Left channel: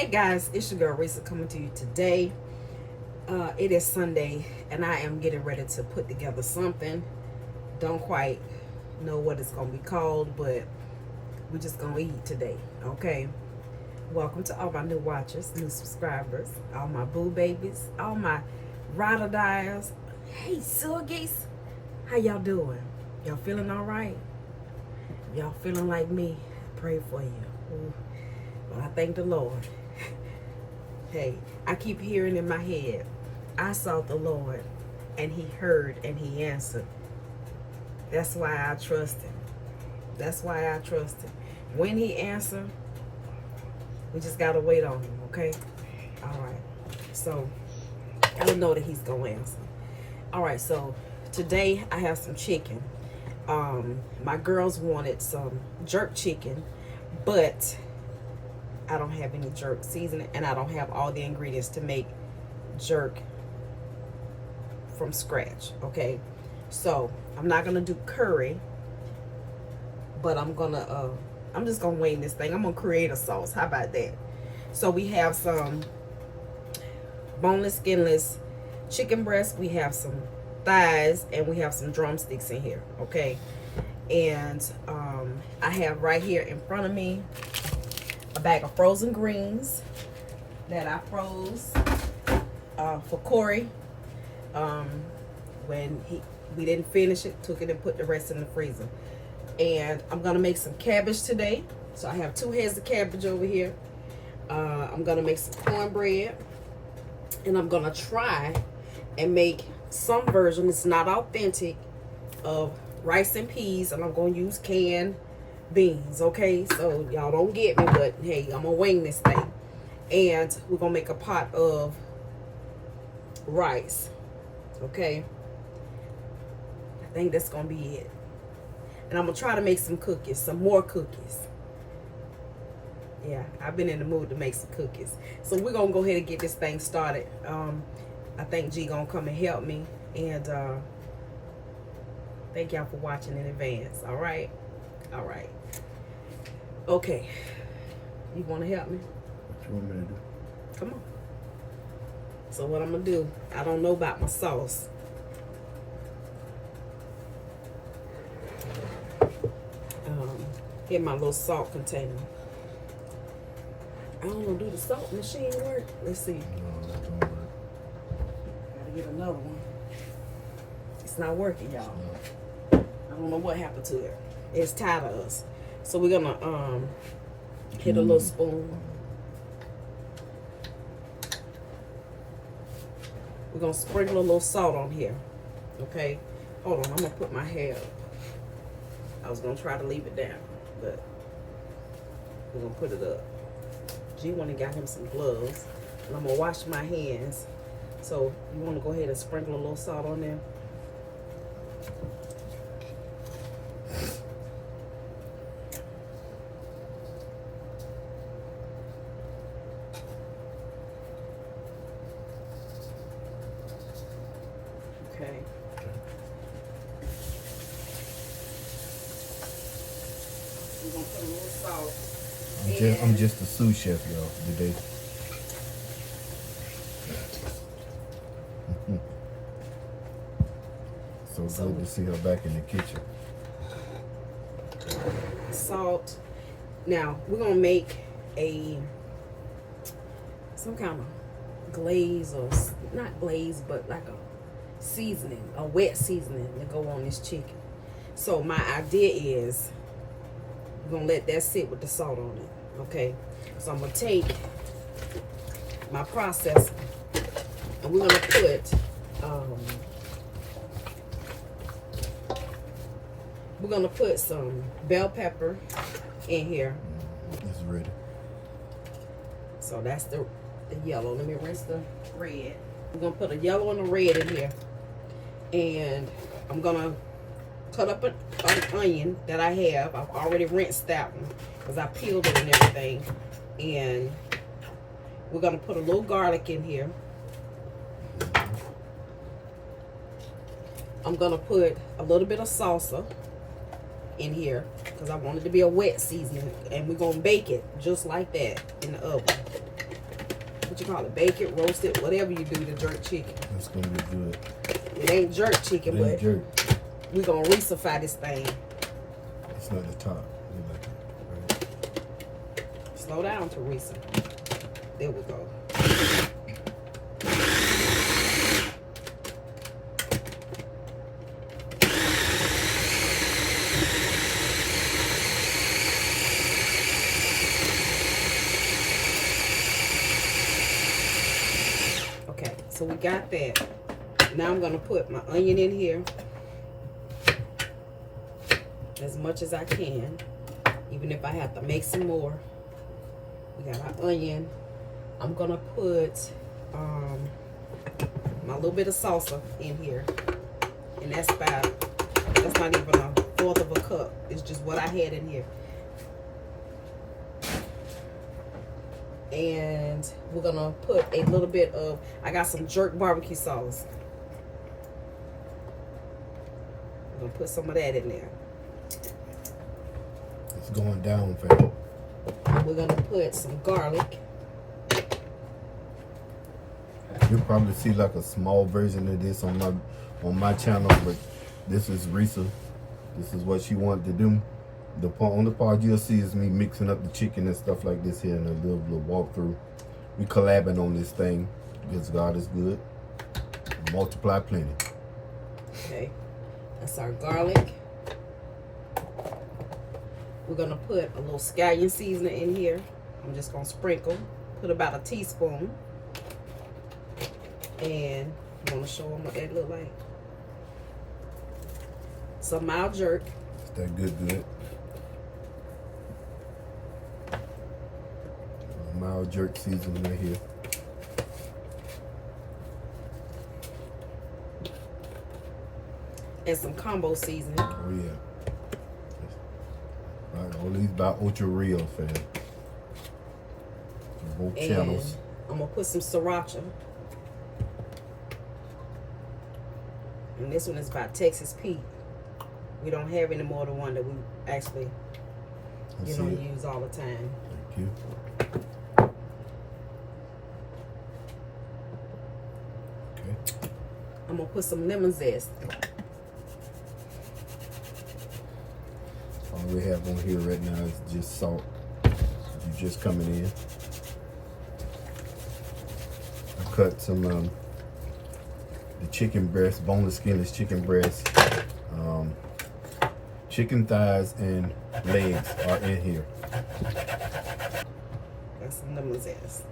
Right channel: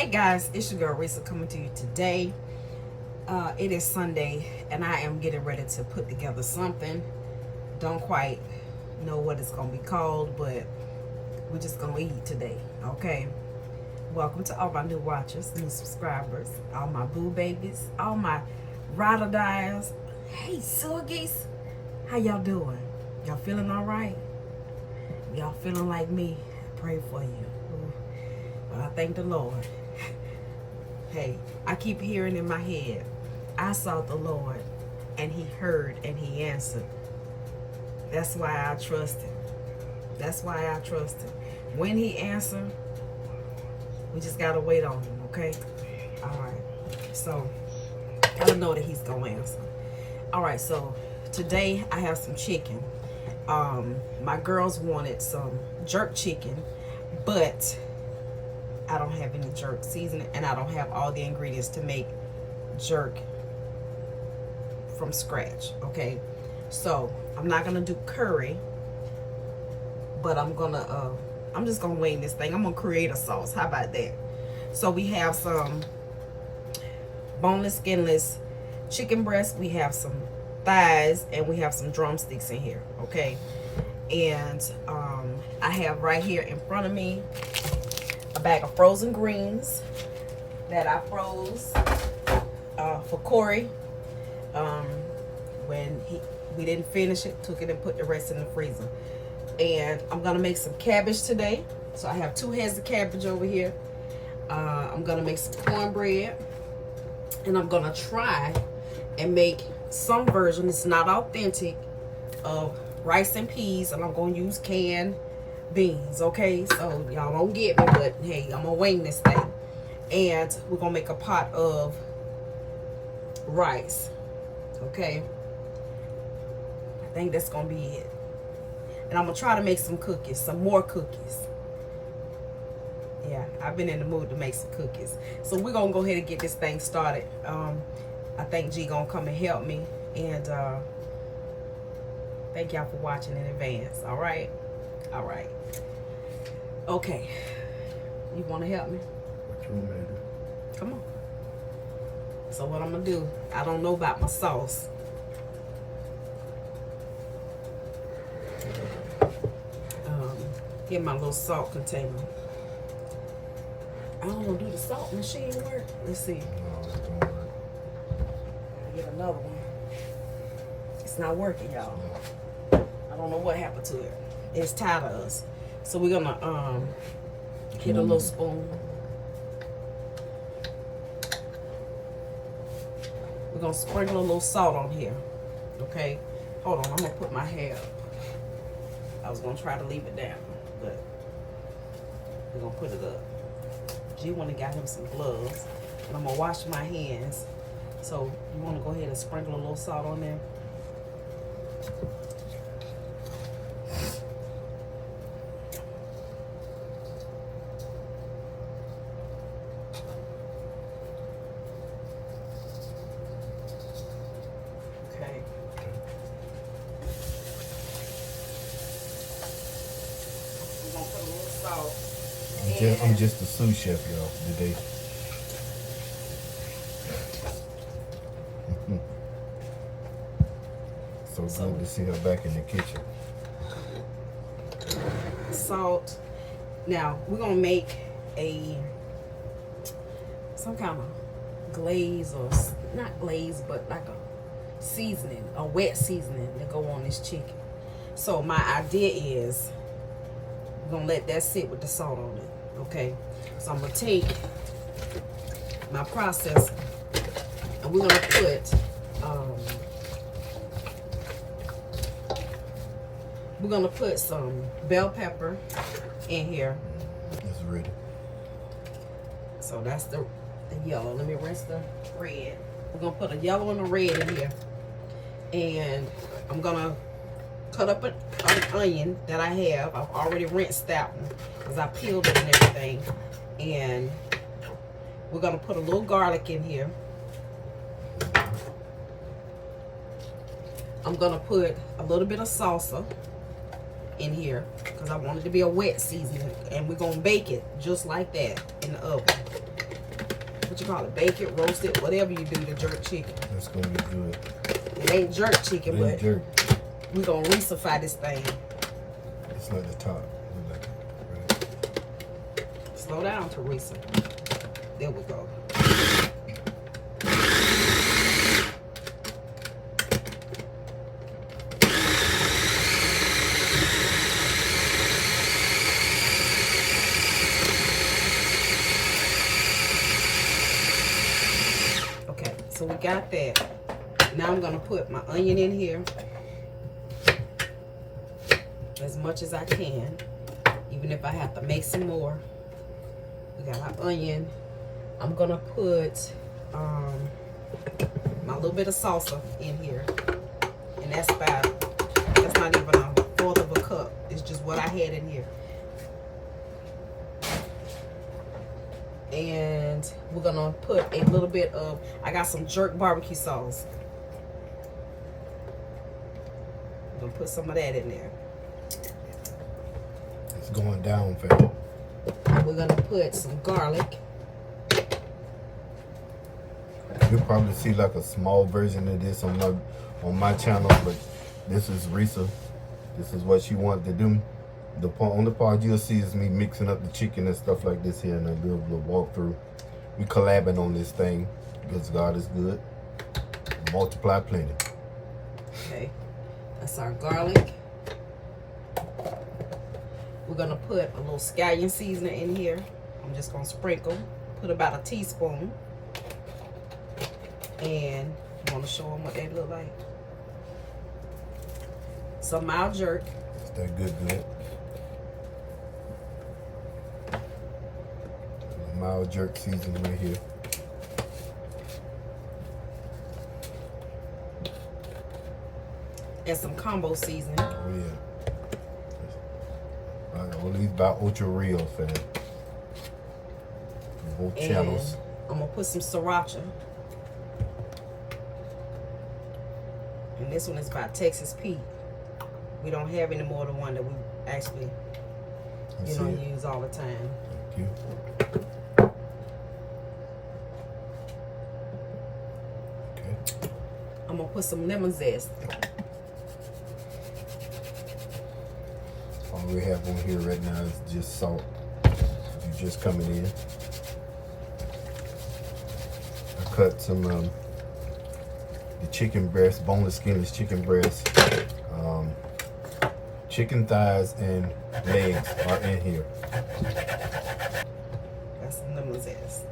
Hey guys, it's your girl Risa coming to you today. It is Sunday and I am getting ready to put together something. Don't quite know what it's gonna be called, but we're just gonna eat today, okay? Welcome to all my new watchers, new subscribers, all my boo babies, all my ride or dies. Hey surrogates, how y'all doing? Y'all feeling all right? Y'all feeling like me? I pray for you. Well, I thank the Lord. Hey, I keep hearing in my head, I sought the Lord and he heard and he answered. That's why I trust him. That's why I trust him. When he answered, we just gotta wait on him, okay? All right. So I know that he's gonna answer. All right, so today I have some chicken. My girls wanted some jerk chicken, but I don't have any jerk seasoning and I don't have all the ingredients to make jerk from scratch, okay? So I'm not gonna do curry, but I'm just gonna wing this thing. I'm gonna create a sauce. How about that? So we have some boneless, skinless chicken breast, we have some thighs, and we have some drumsticks in here, okay? And I have right here in front of me a bag of frozen greens that I froze for Corey. When we didn't finish it, took it and put the rest in the freezer. And I'm gonna make some cabbage today. So I have 2 heads of cabbage over here. I'm gonna make some cornbread, and I'm gonna try and make some version, it's not authentic, of rice and peas, and I'm gonna use canned beans, okay? So y'all don't get me, but hey, I'm gonna wing this thing. And we're gonna make a pot of rice, okay? I think that's gonna be it. And I'm gonna try to make some cookies, some more cookies. Yeah, I've been in the mood to make some cookies. So we're gonna go ahead and get this thing started. I think G gonna come and help me, and thank y'all for watching in advance. All right, okay. You wanna help me? What you want me to do? Come on. So what I'm gonna do? I don't know about my sauce. Get my little salt container. I don't know, do the salt machine work? Let's see. No, that don't work. Gotta get another one. It's not working, y'all. I don't know what happened to it. It's tired of us. So we're gonna hit a little spoon. We're gonna sprinkle a little salt on here. Okay? Hold on, I'm gonna put my hair up. I was gonna try to leave it down, but we're gonna put it up. G went and got him some gloves, and I'm gonna wash my hands. So you wanna go ahead and sprinkle a little salt on there? Okay. We're gonna put a little salt. I'm just a sous chef, y'all, today. So good to see her back in the kitchen. Salt. Now we're gonna make some kind of glaze, or not glaze, but like a seasoning, a wet seasoning to go on this chicken. So my idea is I'm gonna let that sit with the salt on it. Okay, so I'm gonna take my processor and we're gonna put some bell pepper in here. It's ready. So that's the yellow. Let me rinse the red. I'm gonna put a yellow and a red in here, and I'm gonna cut up an onion that I have. I've already rinsed that one because I peeled it and everything. And we're gonna put a little garlic in here. I'm gonna put a little bit of salsa in here because I want it to be a wet seasoning, and we're gonna bake it just like that in the oven. what you call it, bake it, roast it, whatever you do to jerk chicken. That's gonna be good. It ain't jerk chicken, It ain't but jerk. we're gonna resuffy this thing. It's not the top. We like it. Right. Slow down, Teresa. There we go. Okay, so we got that. Now I'm gonna put my onion in here as much as I can, even if I have to make some more. We got our onion. I'm gonna put my little bit of salsa in here, and that's not even a fourth of a cup. It's just what I had in here. And we're gonna put a little bit of, I got some jerk barbecue sauce. I'm gonna put some of that in there. It's going down, fam. We're gonna put some garlic. You'll probably see like a small version of this on my channel, but this is Risa. This is what she wanted to do. On the part you'll see is me mixing up the chicken and stuff like this here in a little walkthrough. We collabing on this thing because God is good. Multiply plenty. Okay, that's our garlic. We're gonna put a little scallion seasoning in here. I'm just gonna sprinkle, put about a teaspoon. And I wanna show them what that look like. Some mild jerk. Is that good? Mild jerk seasoning right here. And some combo seasoning. Oh yeah. Right, all these by Ultra Real, fam. Both And channels. I'm gonna put some sriracha. And this one is by Texas Pete. We don't have any more than one that we actually use all the time. Thank you. Okay. I'm gonna put some lemon zest. All we have on here right now is just salt. You're just coming in. I cut some the chicken breast, boneless, skinless chicken breast. Chicken thighs and legs are in here. That's some lemon zest.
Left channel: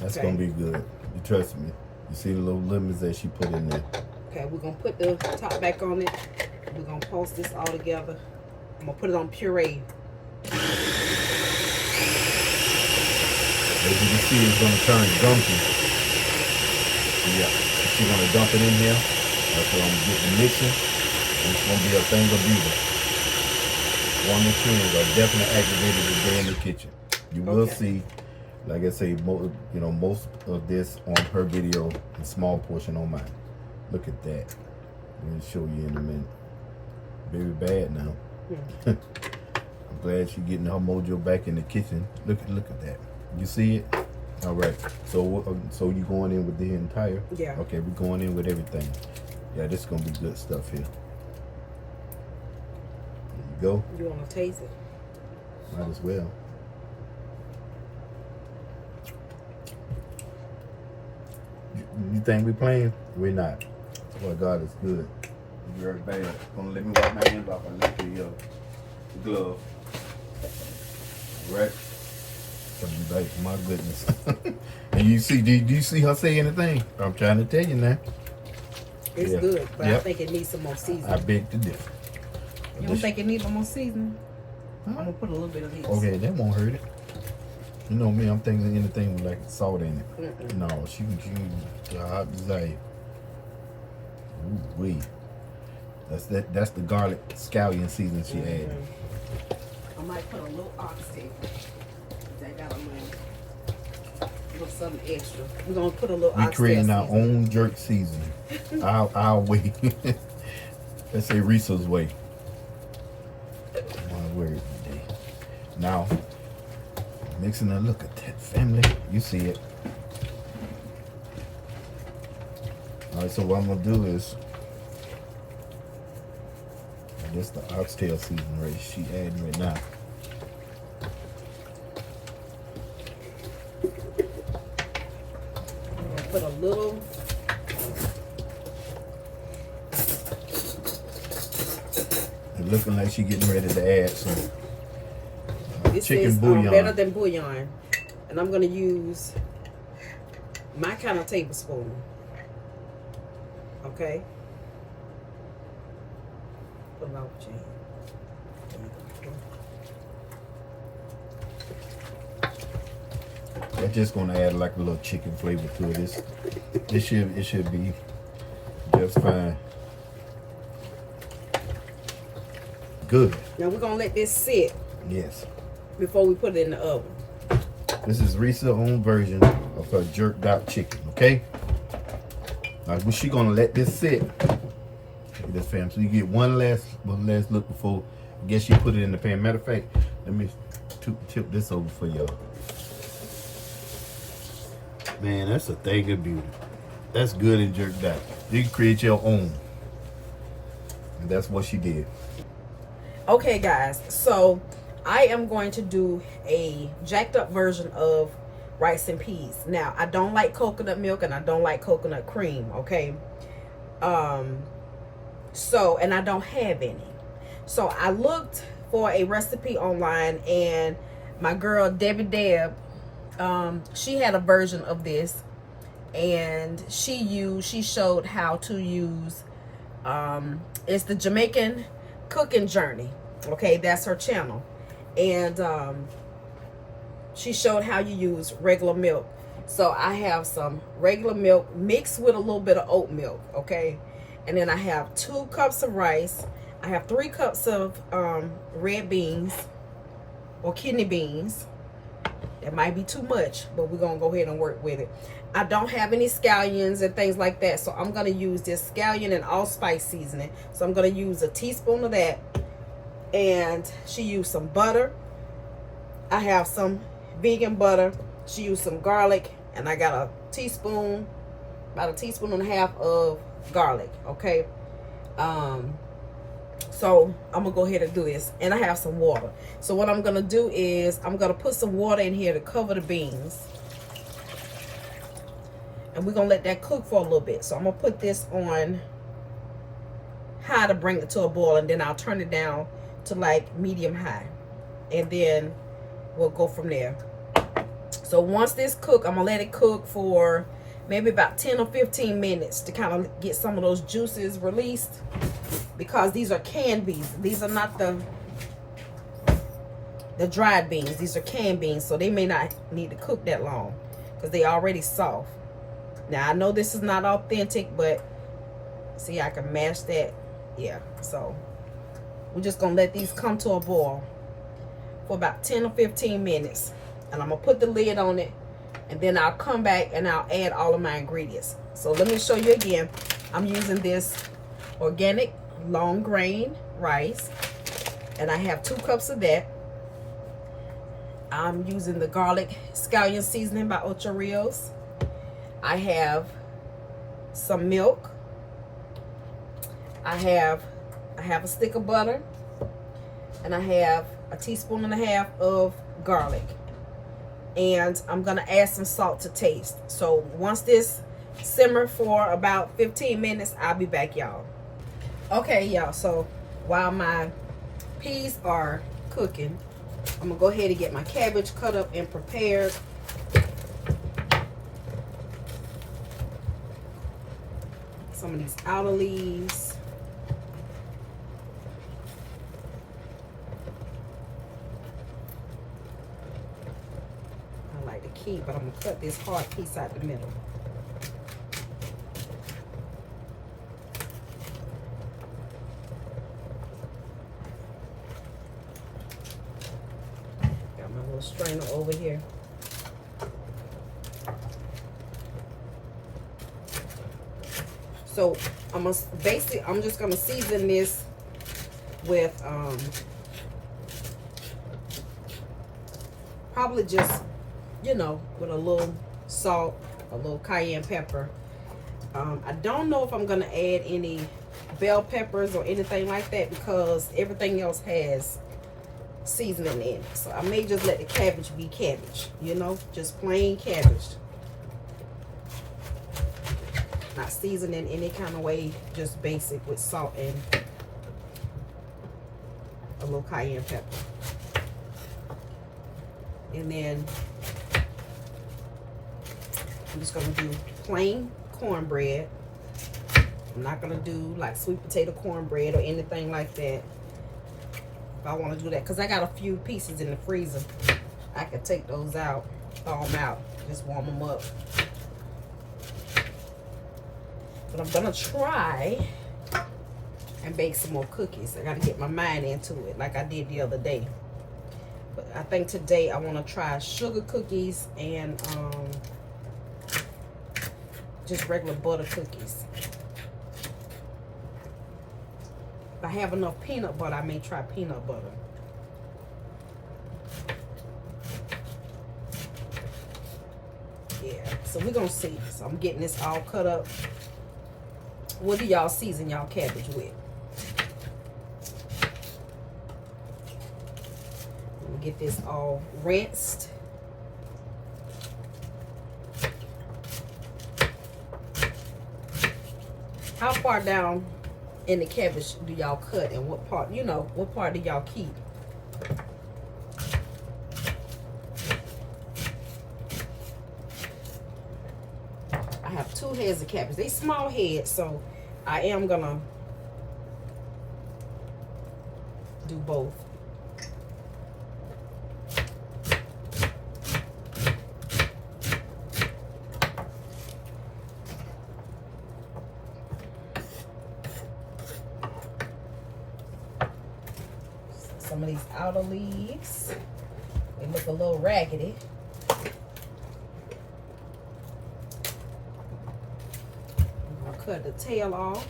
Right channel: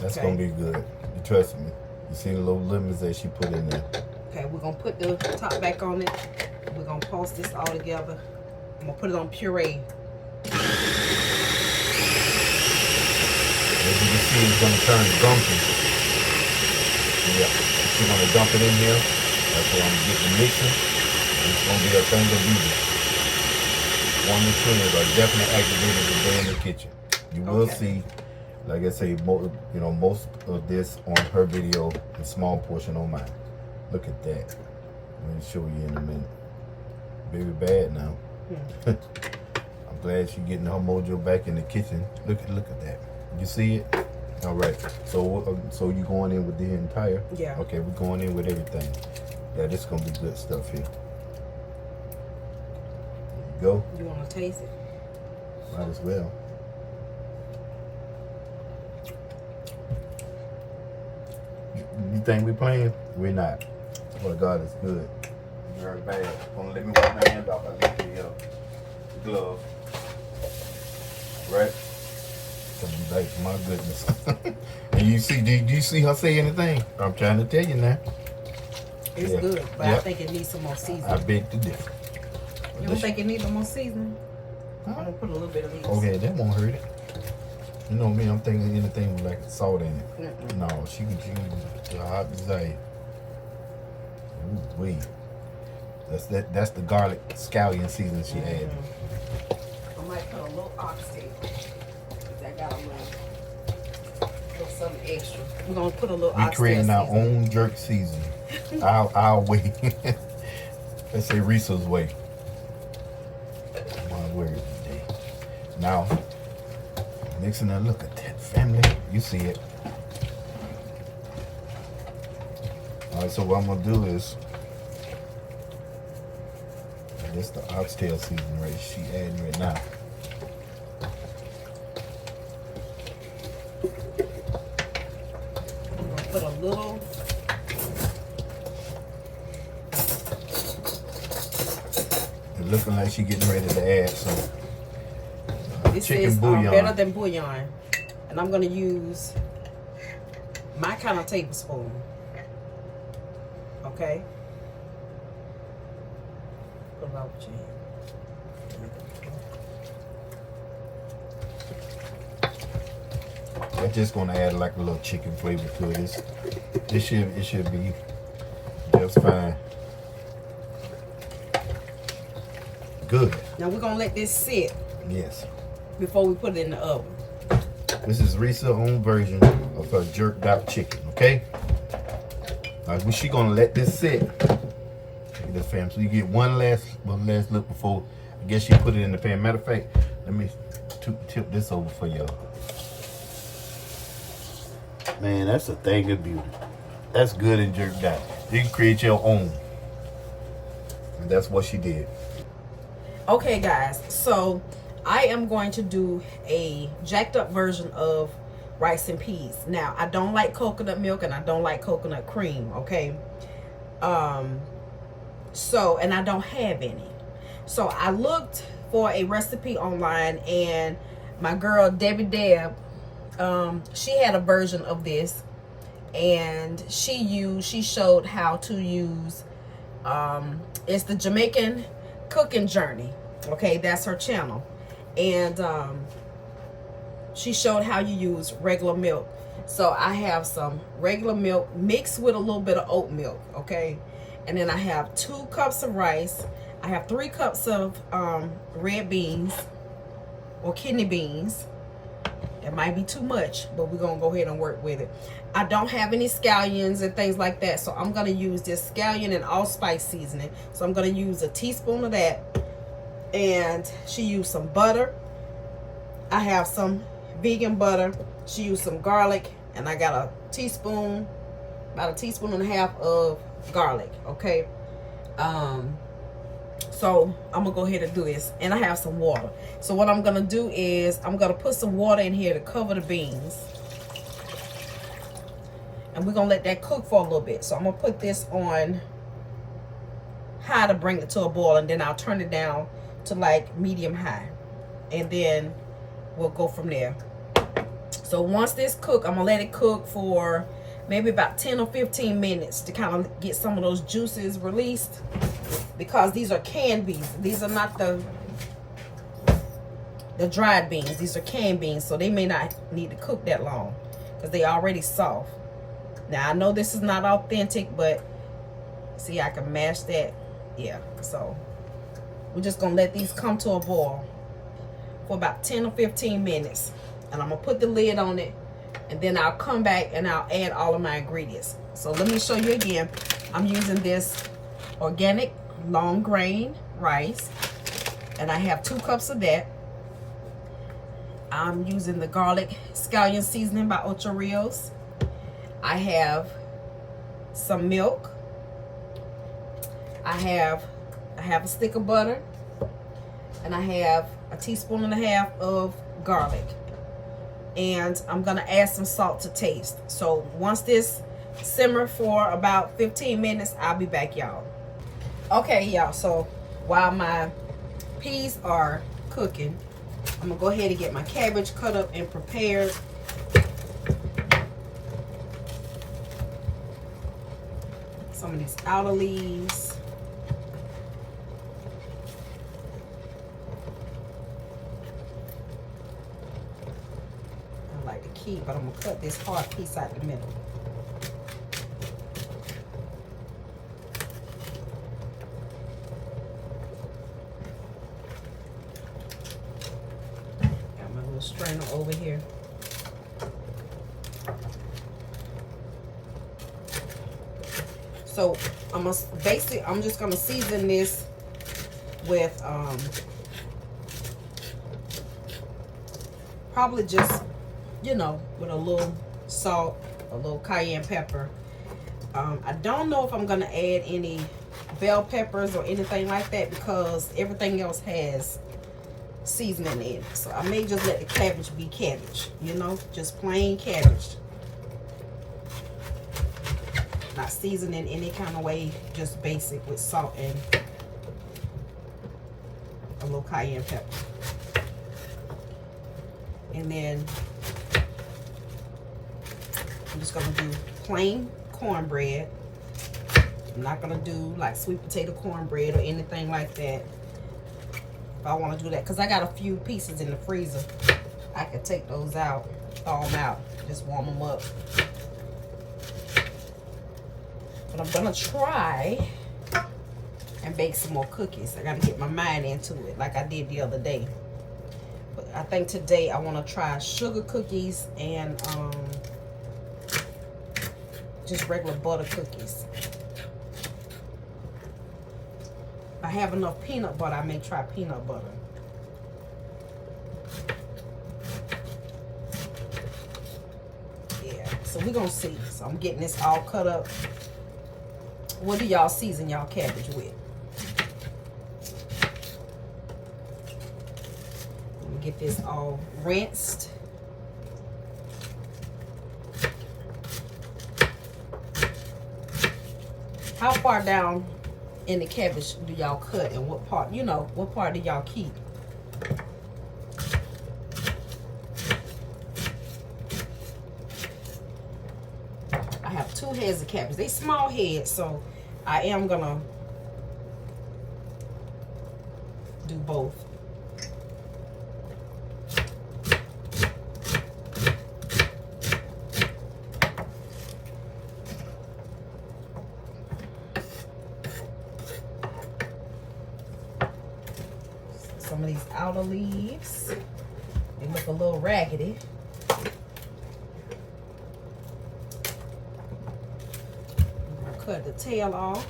That's Okay. gonna be good. You trust me. You see the little lemons that she put in there. Okay, we're gonna put the top back on it. We're gonna pulse this all together. I'm gonna put it on puree. As you can see, it's gonna turn gumpy. Yeah, she's gonna dump it in here. That's what I'm getting mixing. It's gonna be a thing of beauty. One of the triggers are definitely activated today in the kitchen. You will Okay. see, like I say, most of this on her video, a small portion on mine. Look at that. Let me show you in a minute. Very bad now. I'm glad she's getting her mojo back in the kitchen. Look at that. You see it? All right. So you going in with the entire? Yeah. Okay, we're going in with everything. Yeah, this is gonna be good stuff here. There you go. You wanna taste it? Might as well. You think we playing? We're not. Well, God is good. Very bad. Gonna let me wipe my hands off. I left the glove. Right? Like, my goodness. And you see? Do you see her say anything? I'm trying to tell you now. It's Yeah. good, but I Yep. think it needs some more I seasoning. beg to differ. You don't think it needs some more seasoning? I'm Huh? gonna put a little bit of this. Okay, that won't hurt it. You know me, I'm thinking anything with like salt in it. Mm-mm. No, she can use a hot desire. Ooh wee. That's the garlic scallion seasoning she added. I might put a little oxtail. I got a little something extra. We're gonna put a little We oxtail creating our seasoning. own jerk seasoning. our way. Let's say Risa's way. My word today. Now, mixing and look at that family. You see it. Alright, so what I'm gonna do is, and this the oxtail seasoning right she adding right now. Put a little. It's looking like she getting ready to add some This chicken is bouillon. better than bouillon, and I'm gonna use my kind of tablespoon. Okay. Put it over your hand. I'm just gonna add like a little chicken flavor to this. It should be just fine. Good. Now we're gonna let this sit Yes. before we put it in the oven. This is Risa's own version of her jerked out chicken, okay? Alright, she gonna let this sit. Look at this, fam. So you get one last look before I guess she put it in the pan. Matter of fact, let me tip this over for y'all. Man, that's a thing of beauty. That's good and jerked out. You can create your own. And that's what she did. Okay, guys, so I am going to do a jacked up version of rice and peas. Now, I don't like coconut milk and I don't like coconut cream, okay? So, and I don't have any. So I looked for a recipe online, and my girl Debbie Deb, she had a version of this, and she showed how to use it's the Jamaican cooking journey. Okay, that's her channel, and she showed how you use regular milk. So I have some regular milk mixed with a little bit of oat milk, okay, and then I have 2 cups of rice. I have 3 cups of red beans or kidney beans. It might be too much, but we're gonna go ahead and work with it. I don't have any scallions and things like that, so I'm gonna use this scallion and allspice seasoning. So I'm gonna use a teaspoon of that, and she used some butter. I have some vegan butter. She used some garlic, and I got a teaspoon, about a teaspoon and a half of garlic. Okay, so I'm gonna go ahead and do this, and I have some water. So what I'm gonna do is I'm gonna put some water in here to cover the beans, and we're gonna let that cook for a little bit. So I'm gonna put this on high to bring it to a boil, and then I'll turn it down to like medium high, and then we'll go from there. So once this cook, I'm gonna let it cook for maybe about 10 or 15 minutes to kind of get some of those juices released, because these are canned beans. These are not the dried beans. These are canned beans, so they may not need to cook that long because they already soft. Now I know this is not authentic, but see, I can mash that. Yeah, so we're just gonna let these come to a boil for about 10 or 15 minutes, and I'm gonna put the lid on it, and then I'll come back and I'll add all of my ingredients. So let me show you again. I'm using this organic long grain rice, and I have 2 cups of that. I'm using the garlic scallion seasoning by Ocho Rios. I have some milk. I have a stick of butter, and I have a teaspoon and a half of garlic, and I'm gonna add some salt to taste. So once this simmer for about 15 minutes, I'll be back, y'all. Okay, y'all, so while my peas are cooking, I'm gonna go ahead and get my cabbage cut up and prepared. Some of these outer leaves. I like to keep, but I'm gonna cut this hard piece out the middle. Got my little strainer over here. So I'm just gonna season this with probably just, you know, with a little salt, a little cayenne pepper, I don't know if I'm gonna add any bell peppers or anything like that because everything else has seasoning in it. So I may just let the cabbage be cabbage, you know, just plain cabbage. Not seasoned in any kind of way, just basic with salt and a little cayenne pepper. And then I'm just gonna do plain cornbread. I'm not gonna do like sweet potato cornbread or anything like that. If I want to do that, because I got a few pieces in the freezer, I can take those out, thaw them out, just warm them up. But I'm gonna try and bake some more cookies. I gotta get my mind into it like I did the other day. But I think today I want to try sugar cookies and just regular butter cookies. If I have enough peanut butter, I may try peanut butter. Yeah, so we're gonna see. So I'm getting this all cut up. What do y'all season y'all cabbage with? Let me get this all rinsed. How far down in the cabbage do y'all cut, and what part, you know, what part do y'all keep? I have 2 heads of cabbage. They small heads, so I am gonna do both. Some of these outer leaves, they look a little raggedy. I'll cut the tail off.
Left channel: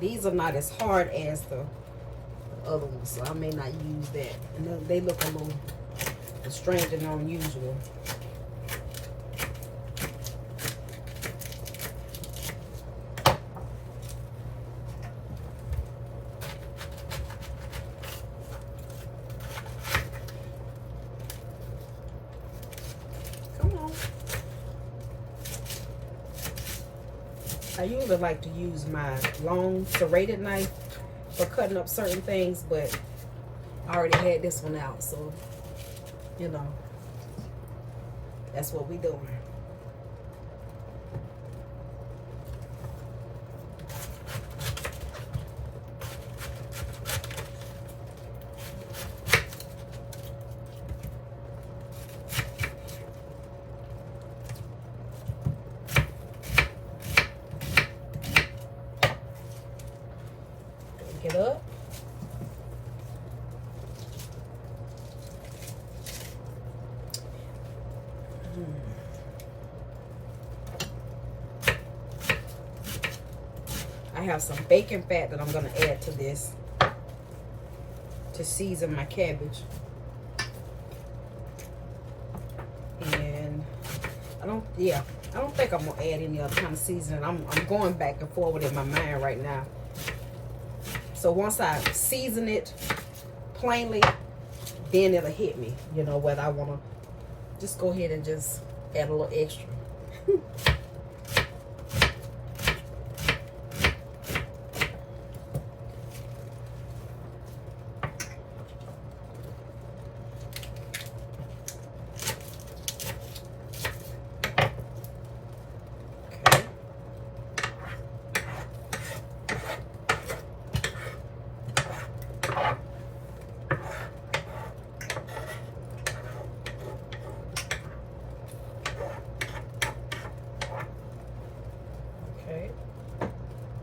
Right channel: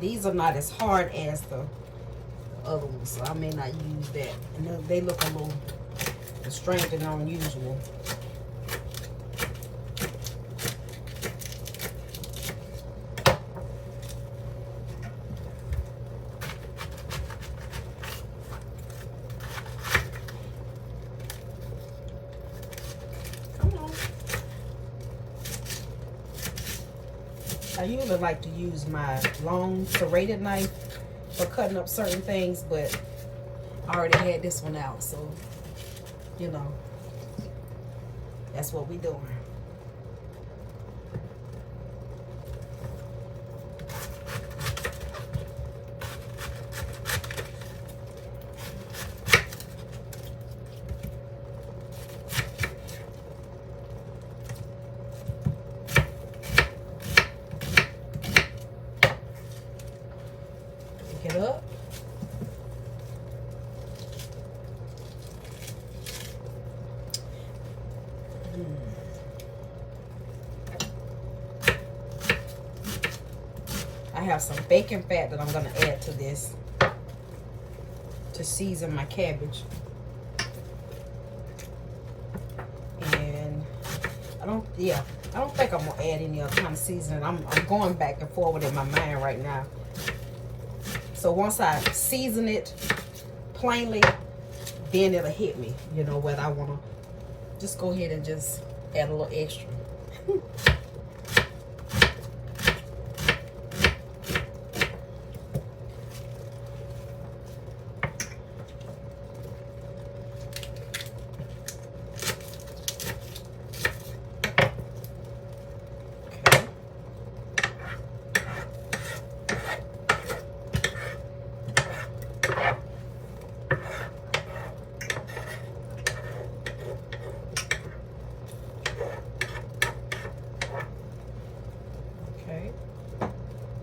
These are not as hard as the other ones, so I may not use that. And they look a little strange and unusual. I usually like to use my long serrated knife for cutting up certain things, but I already had this one out, so, you know, that's what we doing. Pick it up. I have some bacon fat that I'm going to add to this to season my cabbage. And I don't think I'm going to add any other kind of seasoning. I'm going back and forward in my mind right now. So once I season it plainly, then it'll hit me, you know, whether I want to just go ahead and just add a little extra.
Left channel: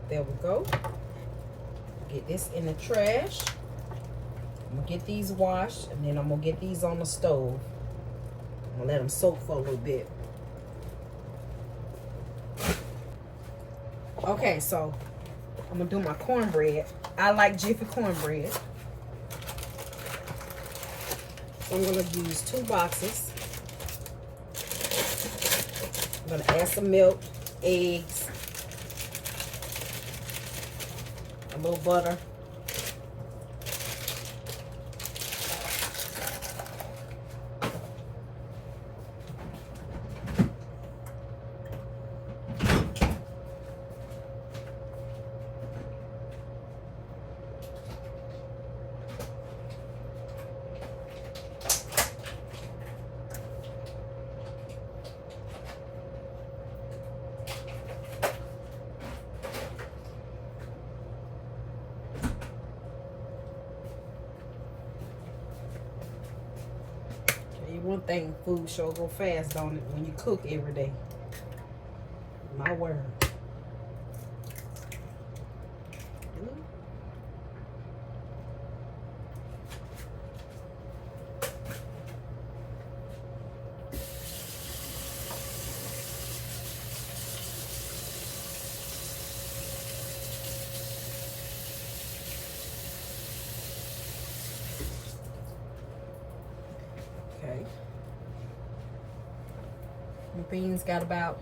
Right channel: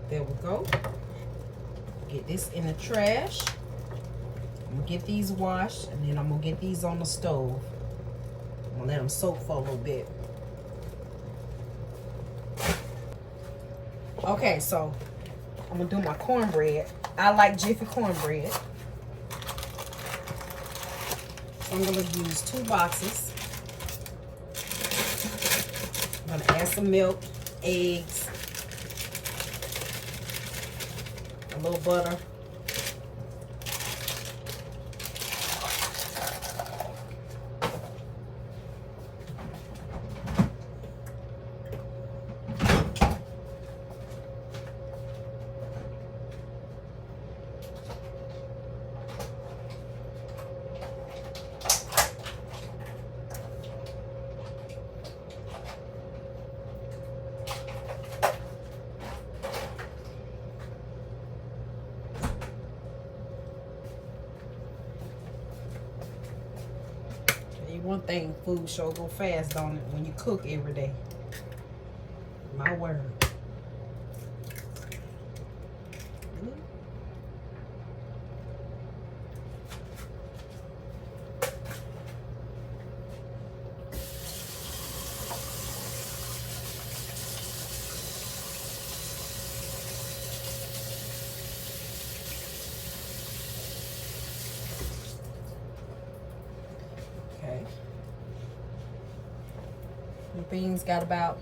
There we go. Get this in the trash. I'm gonna get these washed, and then I'm gonna get these on the stove. I'm gonna let them soak for a little bit. Okay, so I'm gonna do my cornbread. I like Jiffy cornbread. I'm going to use 2 boxes. I'm going to add some milk, eggs, a little butter. One thing, food sure go fast, don't it, when you cook every day. My word. The beans got about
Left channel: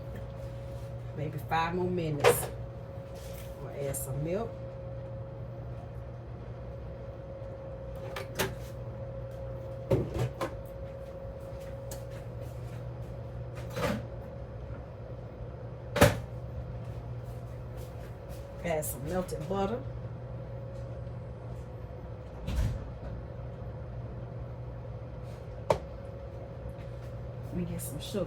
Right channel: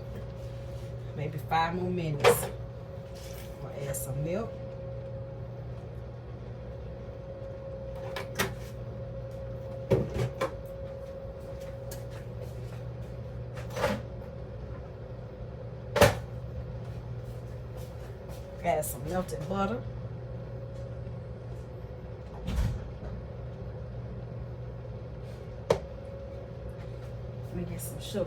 maybe 5 more minutes. We'll add some milk. Add some melted butter. Let me get some sugar.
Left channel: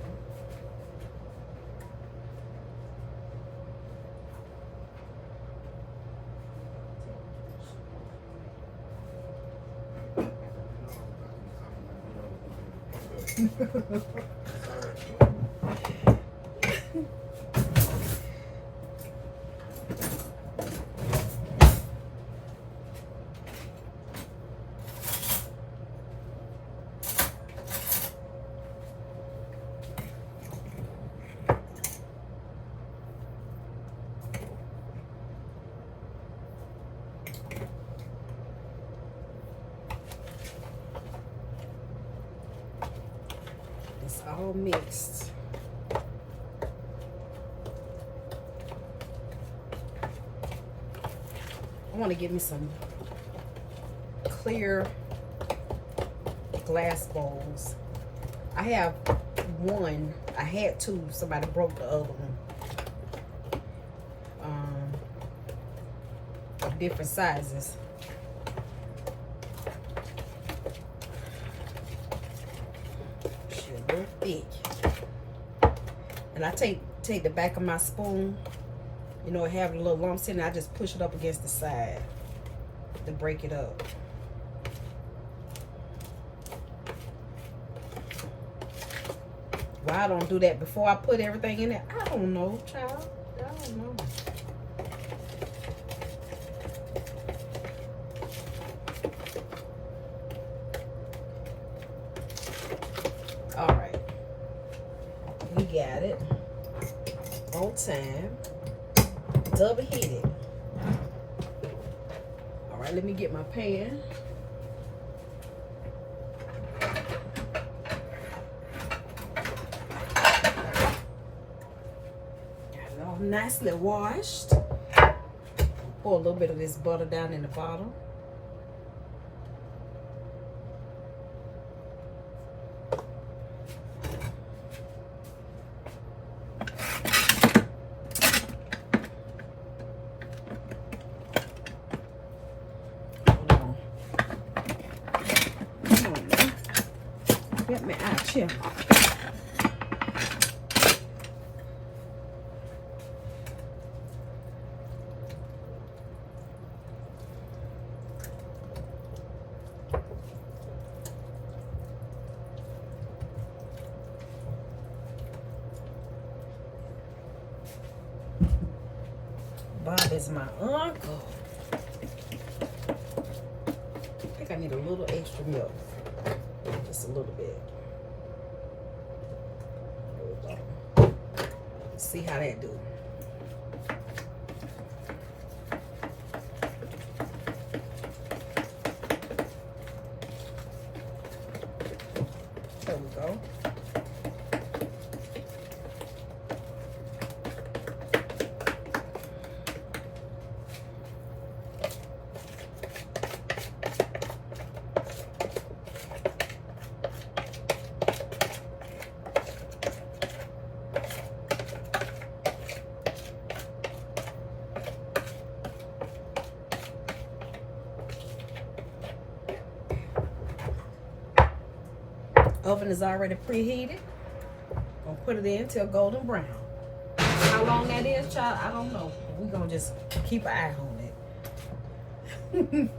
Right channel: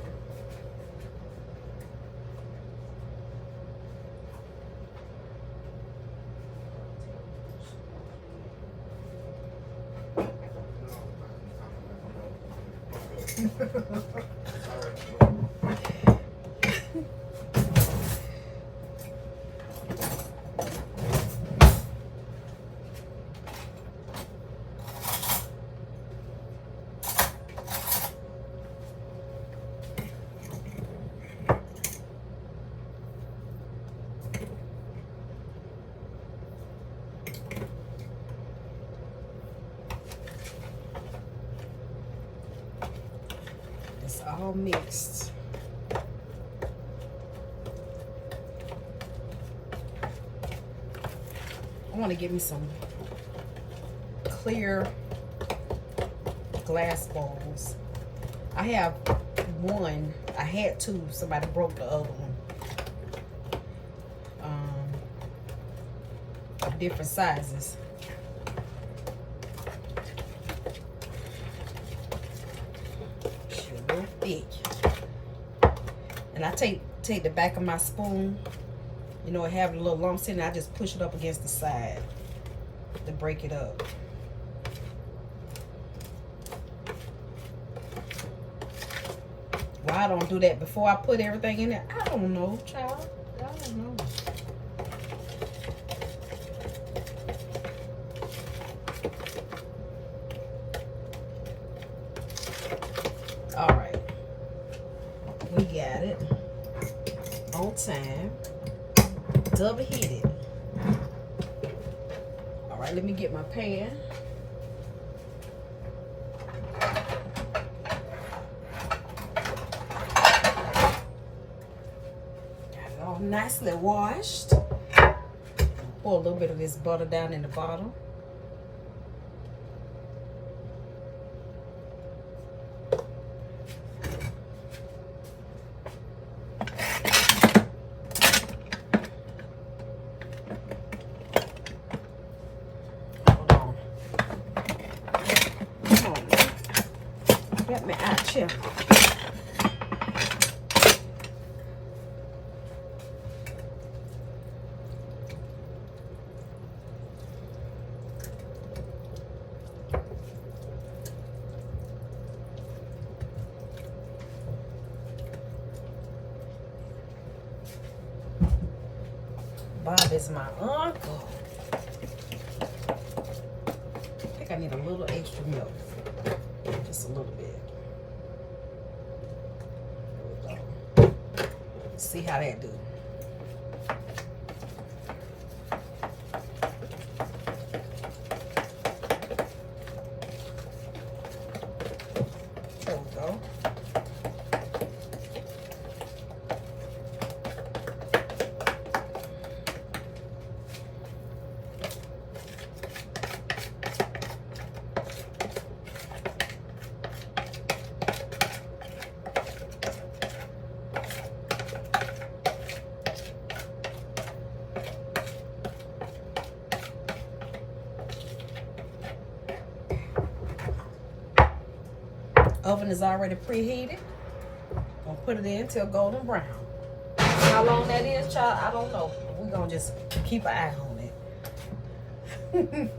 It's all mixed. I want to get me some clear glass bowls. I have one. I had 2. Somebody broke the other one. Of different sizes. Real thick. And I take the back of my spoon, you know, it have a little lumps in it. I just push it up against the side to break it up. Why I don't do that before I put everything in there, I don't know, child. I don't know. All right, we got it on time, double heated. All right, let me get my pan. Got it all nicely washed. Pour a little bit of this butter down in the bottom. Bob is my uncle. I think I need a little extra milk. Just a little bit. There we go. Let's see how that do. oven is already preheated. Gonna put it in till golden brown. How long that is, child, I don't know. We're gonna just keep an eye on it.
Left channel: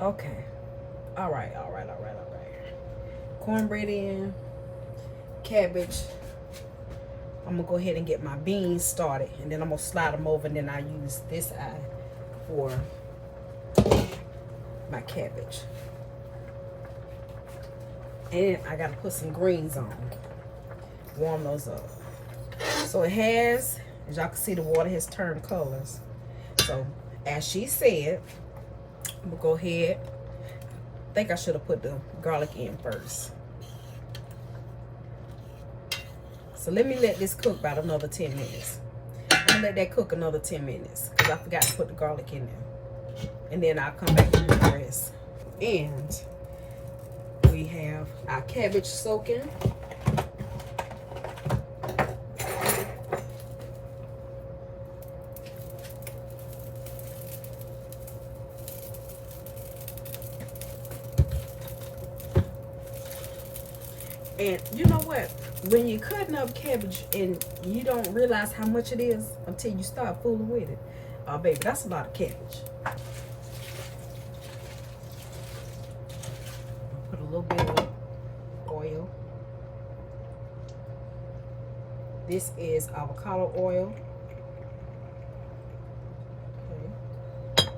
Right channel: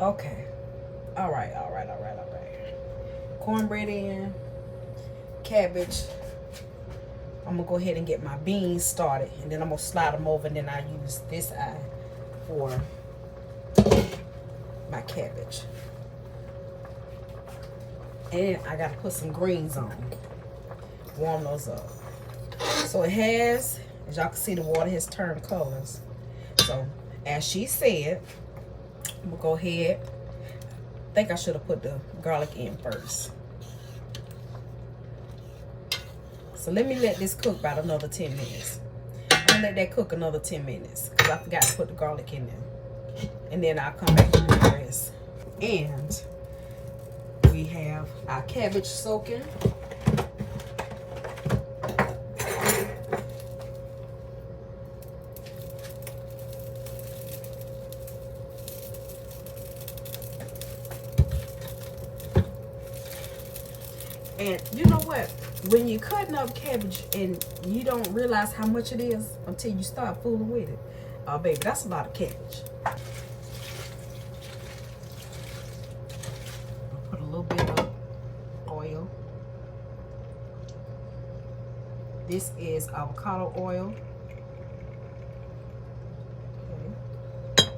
Okay. All right. Cornbread in, cabbage. I'm gonna go ahead and get my beans started, and then I'm gonna slide them over, and then I use this eye for my cabbage. And I gotta put some greens on, warm those up. So it has, as y'all can see, the water has turned colors. So as she said, I'm gonna go ahead. I think I should have put the garlic in first. So let me let this cook about another 10 minutes. I'm gonna let that cook another 10 minutes because I forgot to put the garlic in there. And then I'll come back and do the rest. And we have our cabbage soaking. And you know what? When you're cutting up cabbage and you don't realize how much it is until you start fooling with it. Oh, baby, that's a lot of cabbage. I'll put a little bit of oil. This is avocado oil. Okay.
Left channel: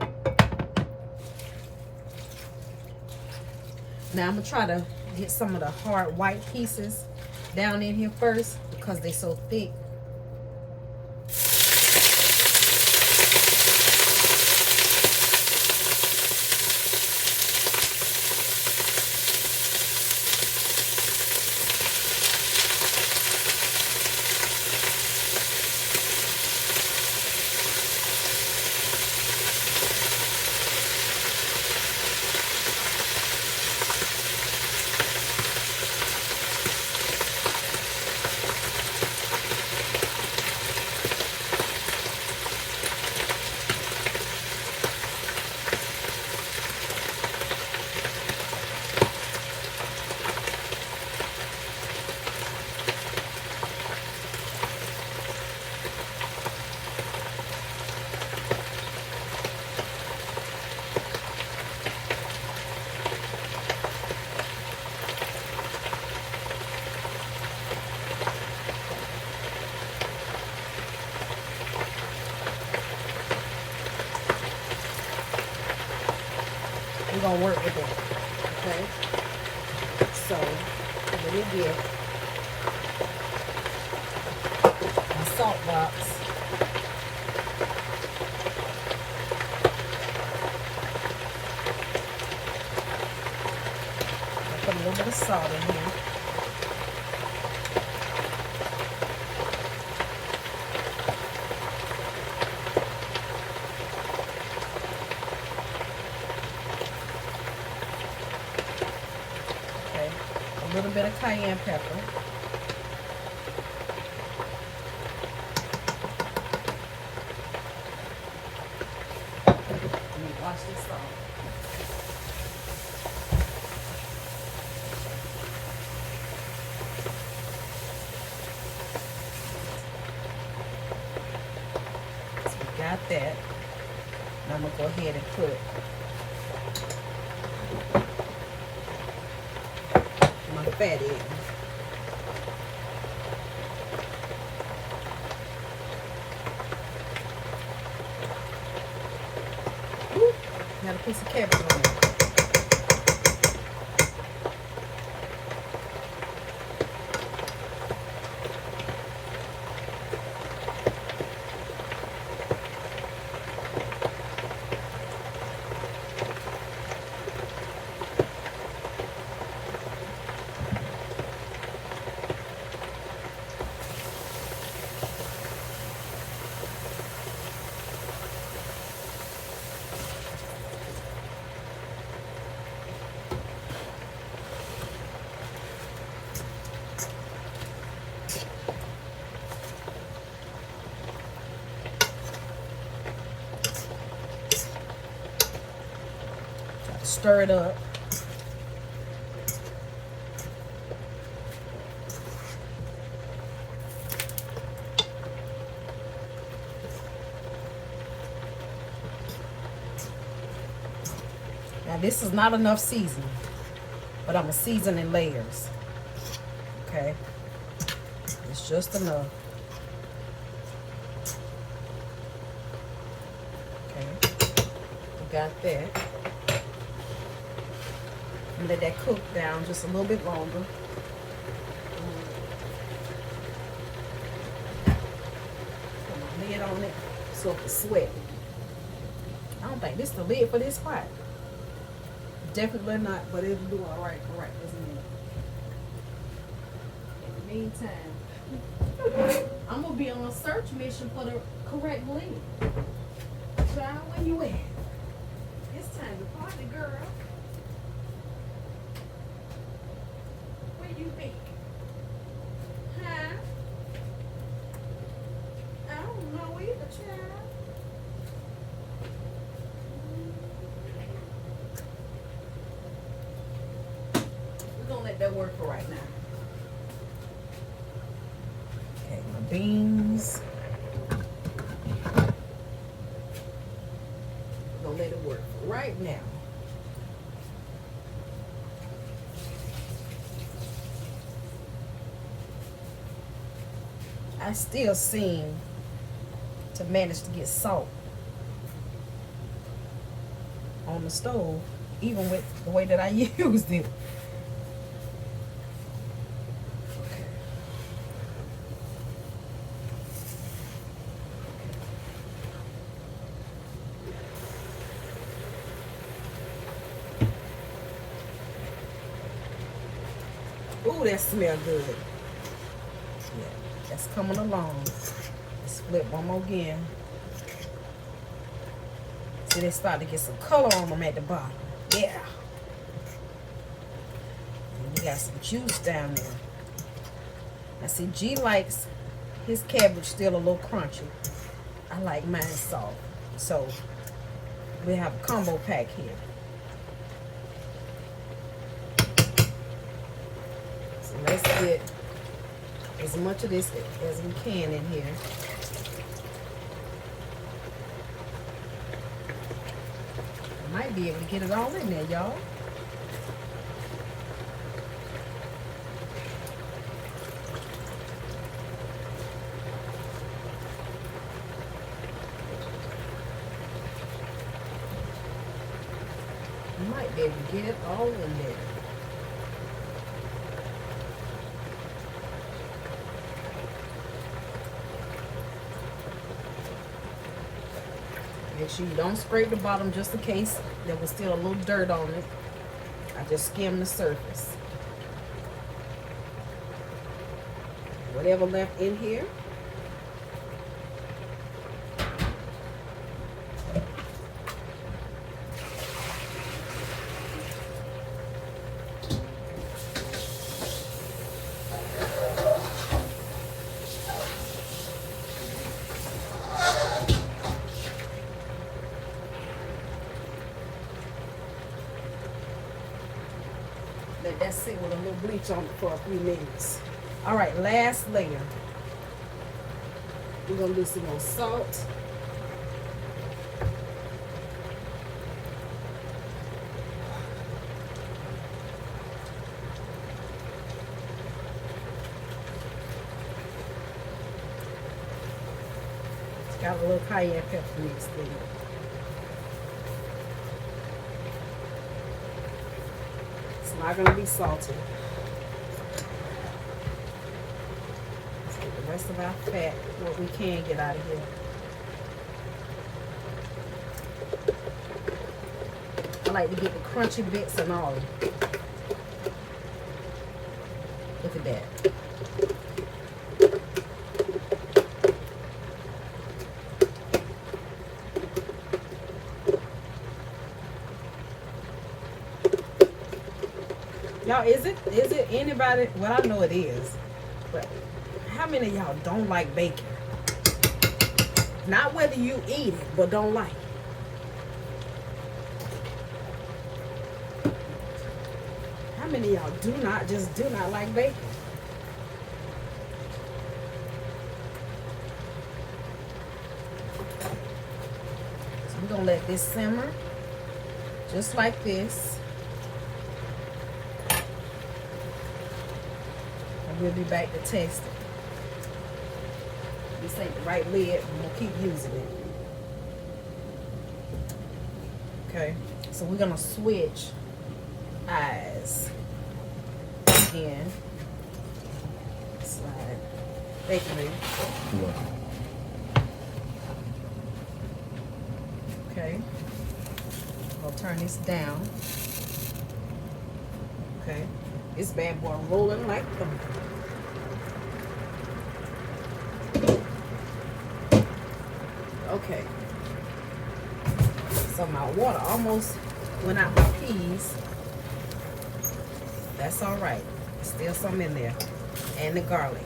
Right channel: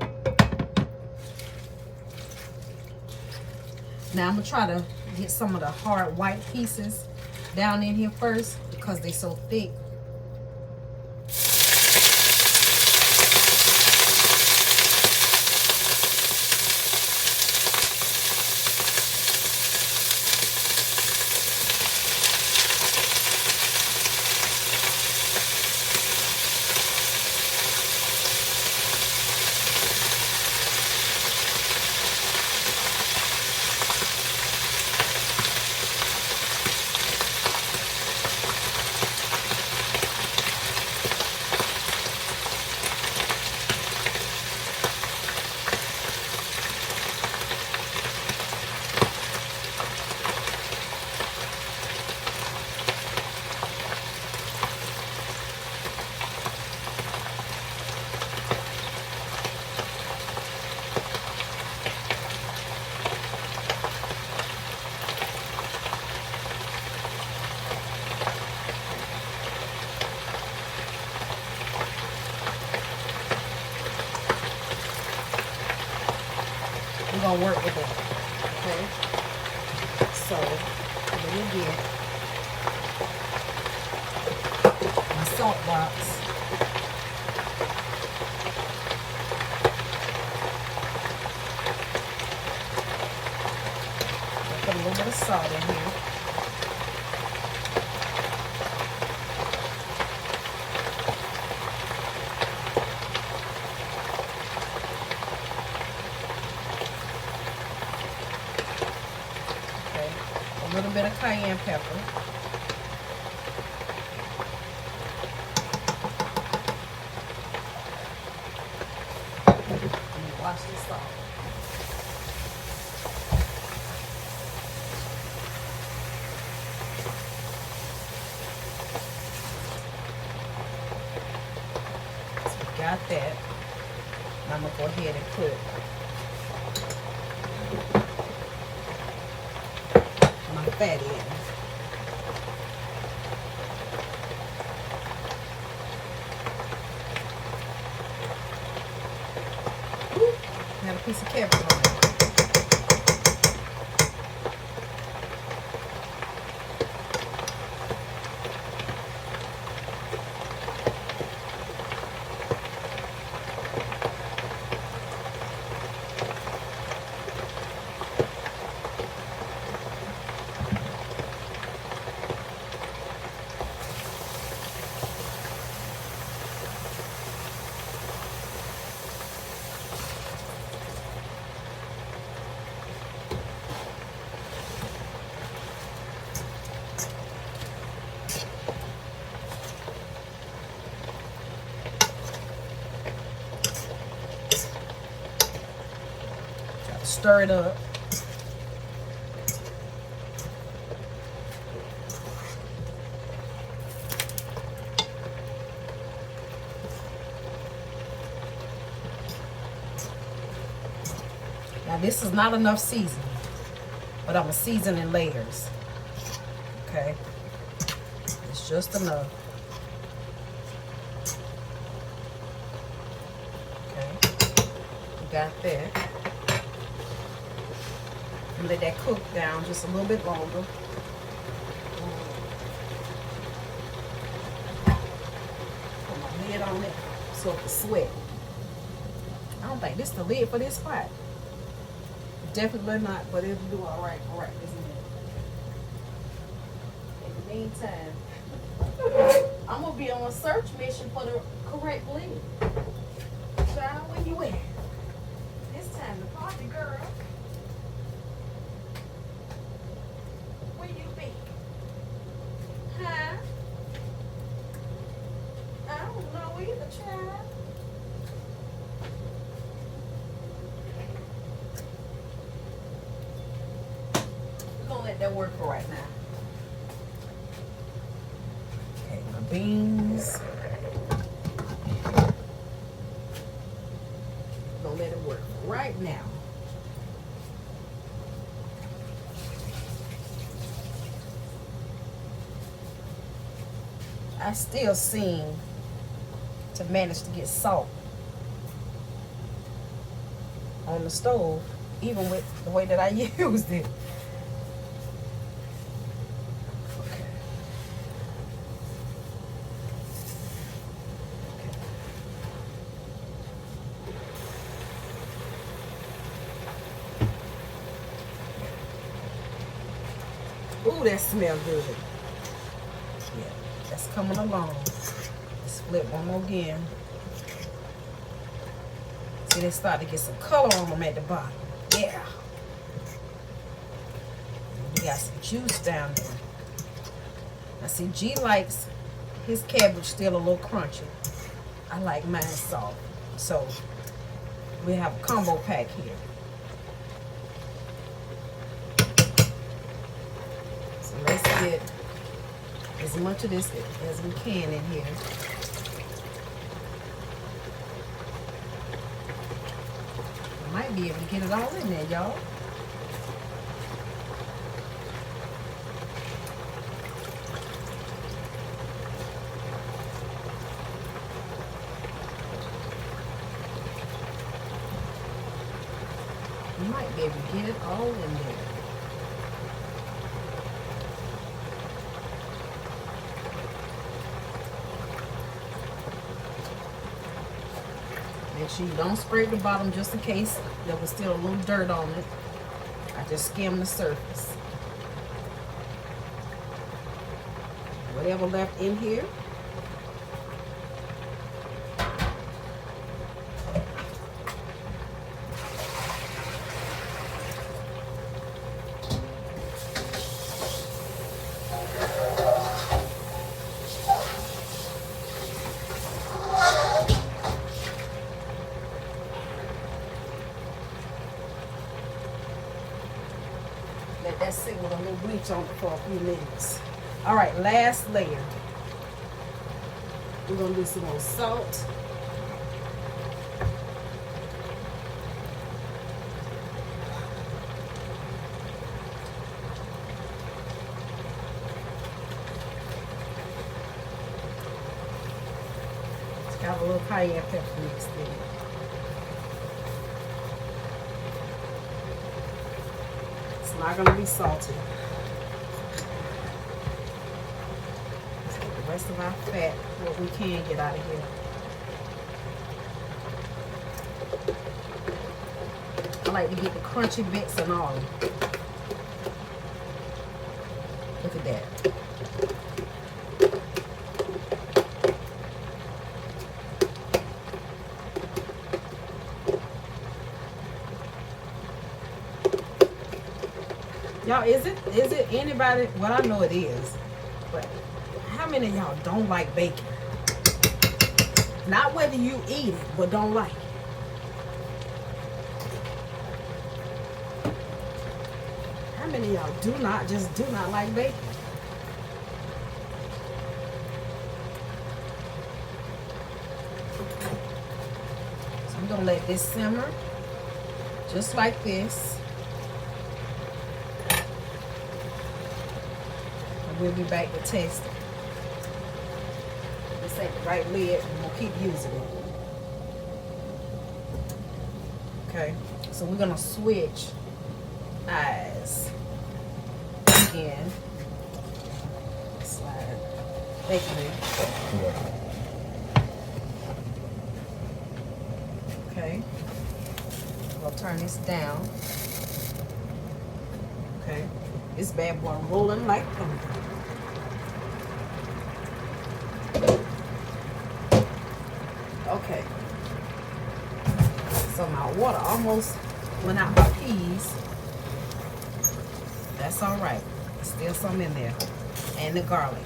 Now I'm going to try to get some of the hard white pieces down in here first because they're so thick. We're gonna work with that, okay? So, let me get my salt box. Put a little bit of salt in here. A little bit of cayenne pepper. Let me wash this off. So we got that. Now I'm gonna go ahead and put my fat in. Woo. Got a piece of cabbage on it. stir it up. Now this is not enough seasoning, but I'm gonna season in layers. Okay, it's just enough. Okay, got that. And let that cook down just a little bit longer. Put my lid on it so it can sweat. I don't think this is the lid for this pot. Definitely not, but it'll do all right for right this minute. In the meantime, I'm gonna be on a search mission for the correct lid. Child, where you at? It's time to party, girl. Where you be? Huh? I don't know either, child. We're gonna let that work for right now. Okay, my beans. We're gonna let it work right now. I still seem to manage to get salt on the stove, even with the way that I used it. Ooh, that smells good. Yeah, that's coming along. Let's flip one more again. See, they start to get some color on them at the bottom. Yeah. And we got some juice down there. Now see, G likes his cabbage still a little crunchy. I like mine soft. So we have a combo pack here. Let's get as much of this as we can in here. Might be able to get it all in there, y'all. Might be able to get it all in there. Make sure you don't scrape the bottom just in case there was still a little dirt on it. I just skim the surface. Whatever left in here. Let's sit with a little bleach on it for a few minutes. All right, last layer. We're gonna do some more salt. It's got a little cayenne pepper mixed in it. Not gonna be salty. Let's get the rest of our fat, what we can get out of here. I like to get the crunchy bits and all. Look at that. Y'all, is it anybody? Well, I know it is, but how many of y'all don't like bacon? Not whether you eat it, but don't like it. many of y'all do not like bacon? So we're gonna let this simmer just like this. We'll be back to test it. This ain't the right lid, and we'll keep using it. Okay, so we're gonna switch eyes again. Slide it. Bacon lid. Okay, we'll turn this down. Okay, this bad boy rolling like thunder. Okay, so my water almost went out my peas. That's all right. There's still some in there. And the garlic.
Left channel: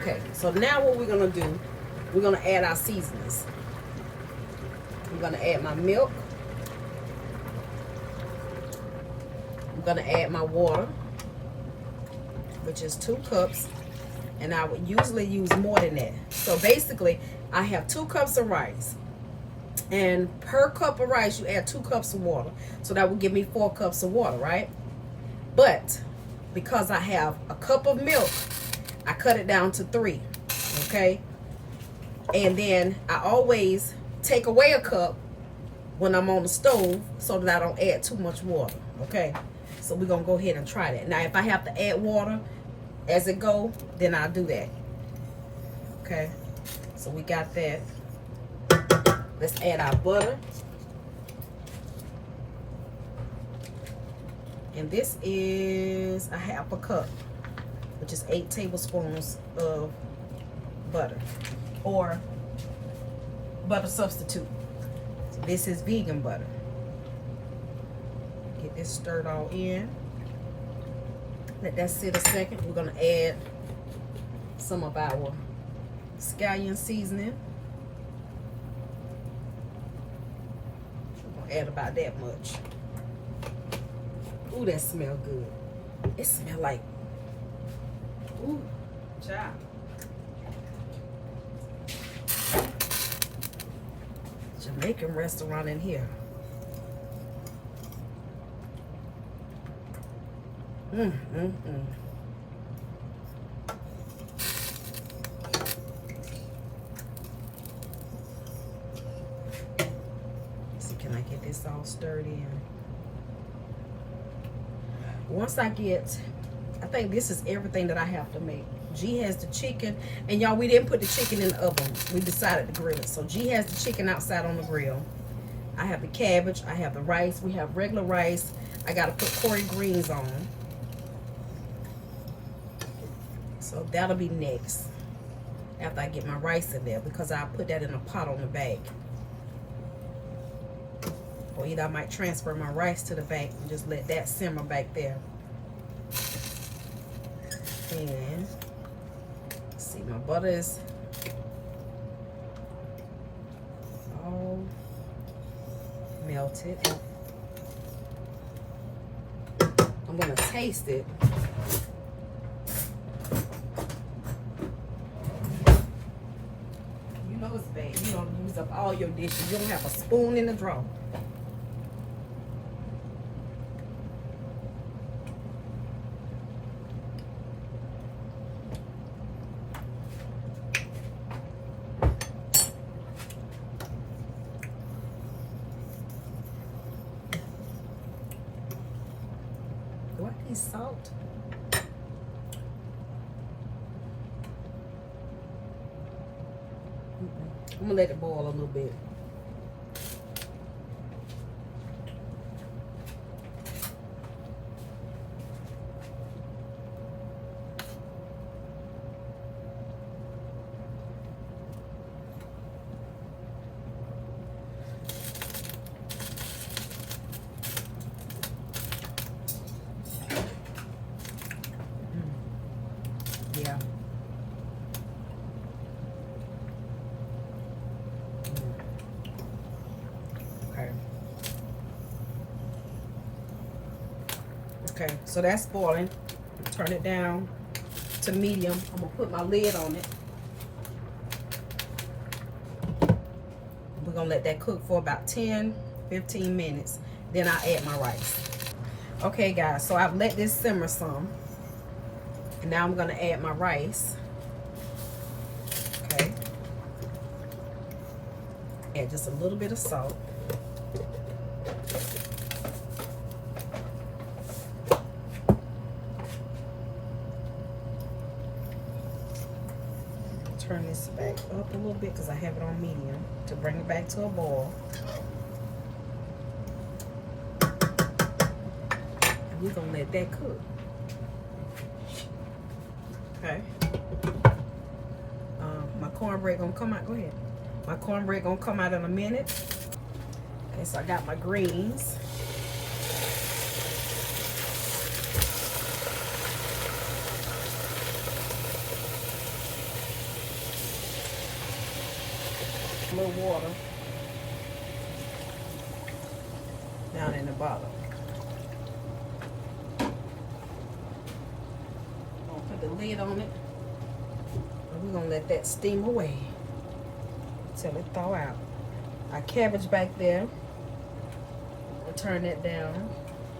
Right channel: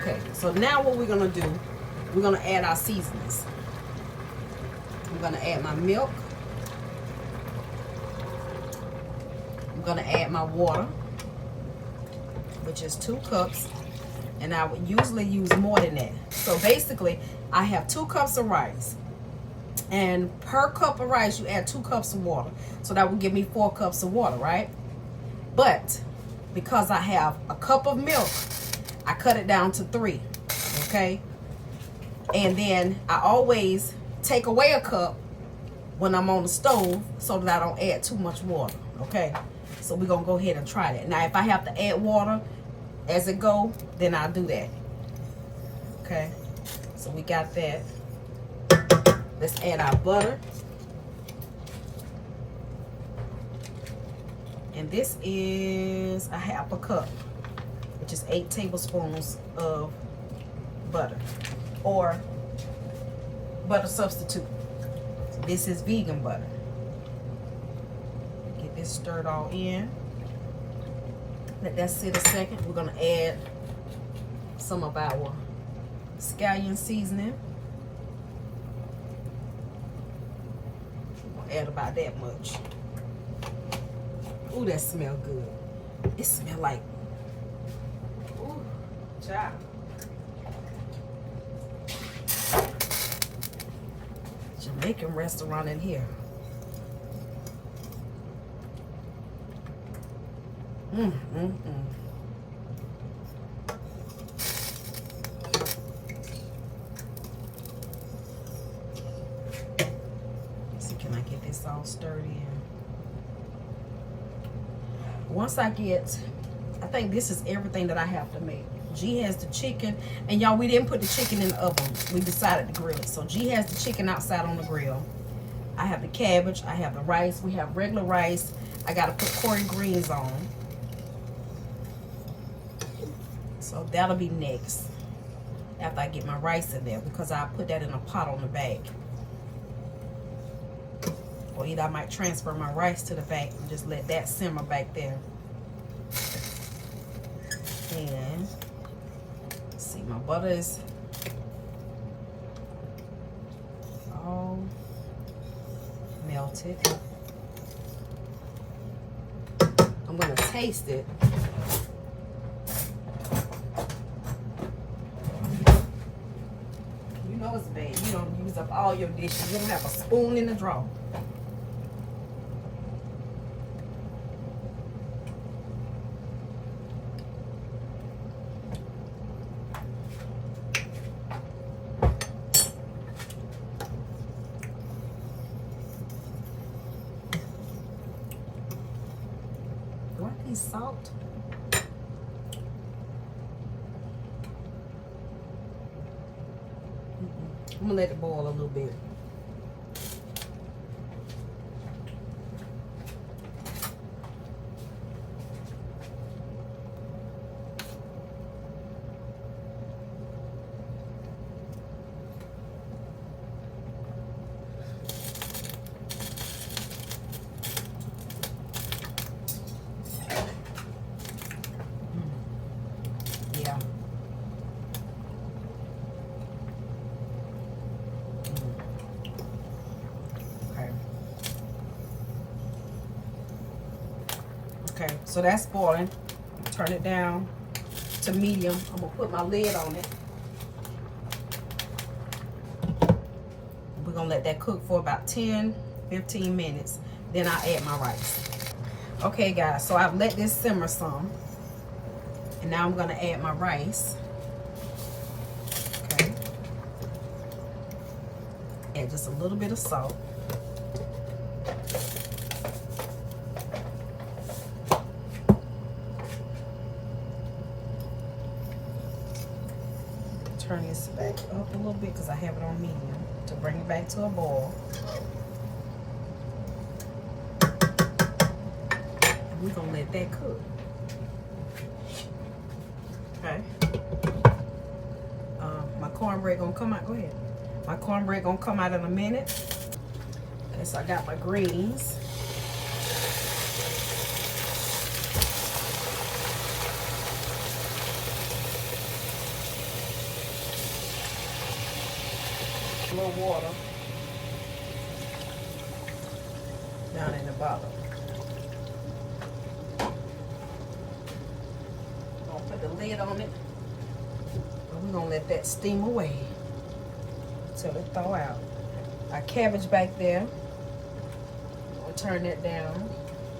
Okay, so now what we're gonna do, we're gonna add our seasonings. I'm gonna add my milk. I'm gonna add my water, which is 2 cups. And I would usually use more than that. So basically, I have 2 cups of rice. And per cup of rice, you add 2 cups of water. So that will give me 4 cups of water, right? But because I have a cup of milk, I cut it down to 3, okay? And then I always take away a cup when I'm on the stove so that I don't add too much water, okay? So we're gonna go ahead and try that. Now, if I have to add water as it go, then I'll do that, okay? So we got that. Let's add our butter. And this is a 1/2 cup, which is 8 tablespoons of butter or butter substitute. This is vegan butter. Get this stirred all in. Let that sit a second. We're gonna add some of our scallion seasoning. We're gonna add about that much. Ooh, that smells good. It smells like, ooh, child. Jamaican restaurant in here. So can I get this all stirred in? Once I think this is everything that I have to make. G has the chicken, and y'all, we didn't put the chicken in the oven. We decided to grill it. So G has the chicken outside on the grill. I have the cabbage. I have the rice. We have regular rice. I gotta put corn greens on. So that'll be next after I get my rice in there, because I'll put that in a pot on the back. Or either I might transfer my rice to the back and just let that simmer back there. And see, my butter is all melted. I'm gonna taste it. You know it's bad. You don't use up all your dishes. You don't have a spoon in the drawer. Salt. I'm gonna let it boil a little bit. Okay, so that's boiling. Turn it down to medium. I'm gonna put my lid on it. We're gonna let that cook for about 10-15 minutes. Then I'll add my rice. Okay guys, so I've let this simmer some. And now I'm gonna add my rice. Okay. Add just a little bit of salt. Turn this back up a little bit because I have it on medium to bring it back to a boil. And we're gonna let that cook. Okay. My cornbread gonna come out. Go ahead. My cornbread gonna come out in a minute. Okay, so I got my greens. A little water down in the bottom. I'll put the lid on it. And we're gonna let that steam away until it thaw out. Our cabbage back there. I'll turn that down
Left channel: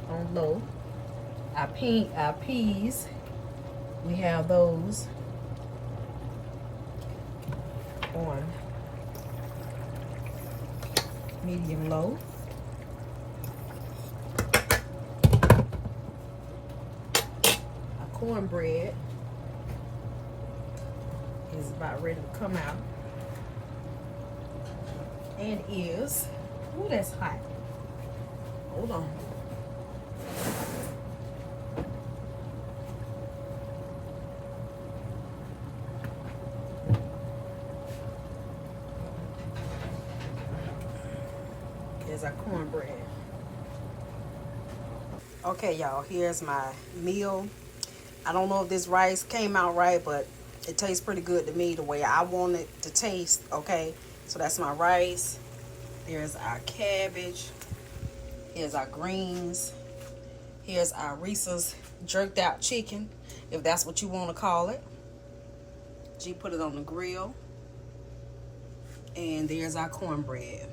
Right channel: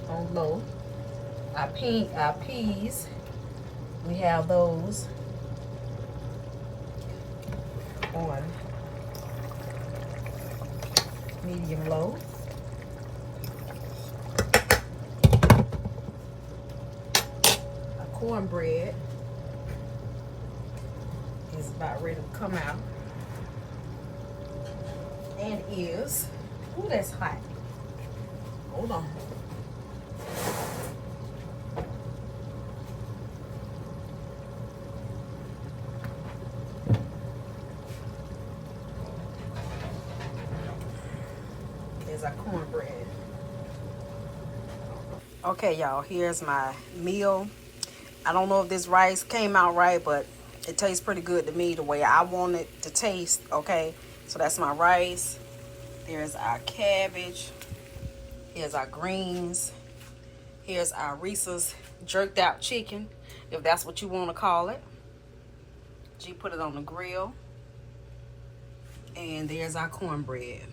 on low. Our peas, we have those on medium low. Our cornbread is about ready to come out. And is, ooh, that's hot. Hold on. Here's our cornbread. Okay, y'all, here's my meal. I don't know if this rice came out right, but it tastes pretty good to me the way I want it to taste, okay? So that's my rice. There's our cabbage. Here's our greens. Here's our Reese's jerked out chicken, if that's what you want to call it. G put it on the grill. And there's our cornbread.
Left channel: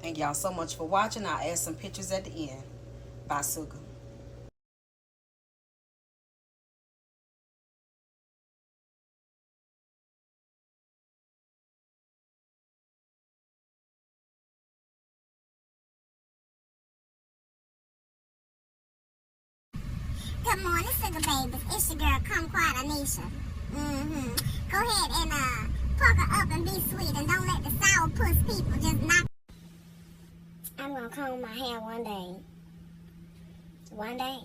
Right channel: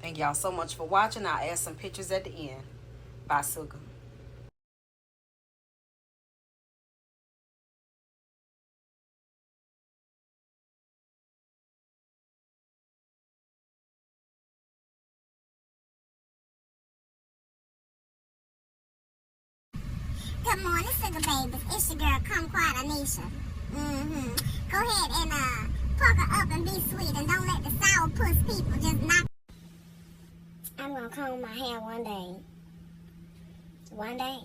Thank y'all so much for watching. I'll add some pictures at the end. Bye, Suga. Good morning, sugar babies. It's your girl, Kumquat Anisha. Go ahead and pucker up and be sweet, and don't let the sourpuss people just knock. I'm gonna comb my hair one day. One day,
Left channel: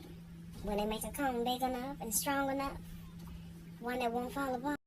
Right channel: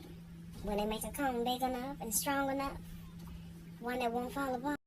when they make a comb big enough and strong enough, one that won't fall apart.